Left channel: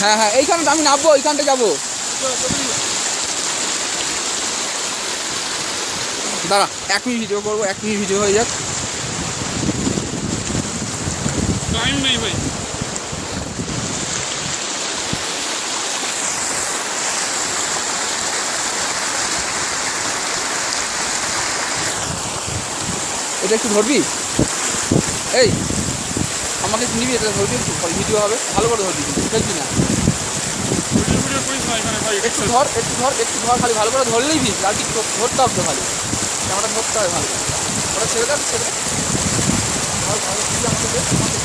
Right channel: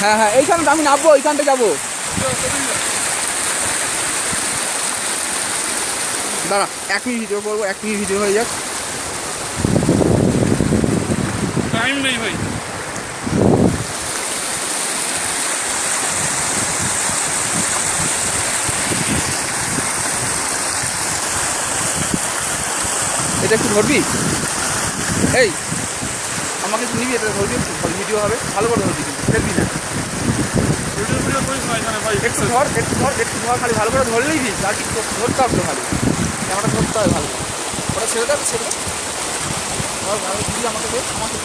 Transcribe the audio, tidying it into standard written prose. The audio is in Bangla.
হ্যাঁ হ্যাঁ, এইখানে আমি নামবো, এইখানটা যাবো। দাঁড়া, 1 মিনিট ভিডিও করবো, 1 মিনিট ভিডিও হয়ে যাক। টাইম নেই ভাই। এটা একটু ধরবি, এই আমাকে একটু নিবি, এটা ধরবি, একটু ভিডিও হবে, ভালো করে ধরবি, কিন্তু ফেলবি না। ভিডিও করিস না এখানে ভাই। একটু ধর, একটু ধর, একটু ধর, খালি ভালো করে ধরলেই দিস, আর ঠিক ধরতে হবে তো, খালি ক্যামেরাটা ধরতে হবে ভালো। ওটা ছেড়ে দেবে, ছেড়ে দে, ধর ভালো দিবি আমাকে, আমাকে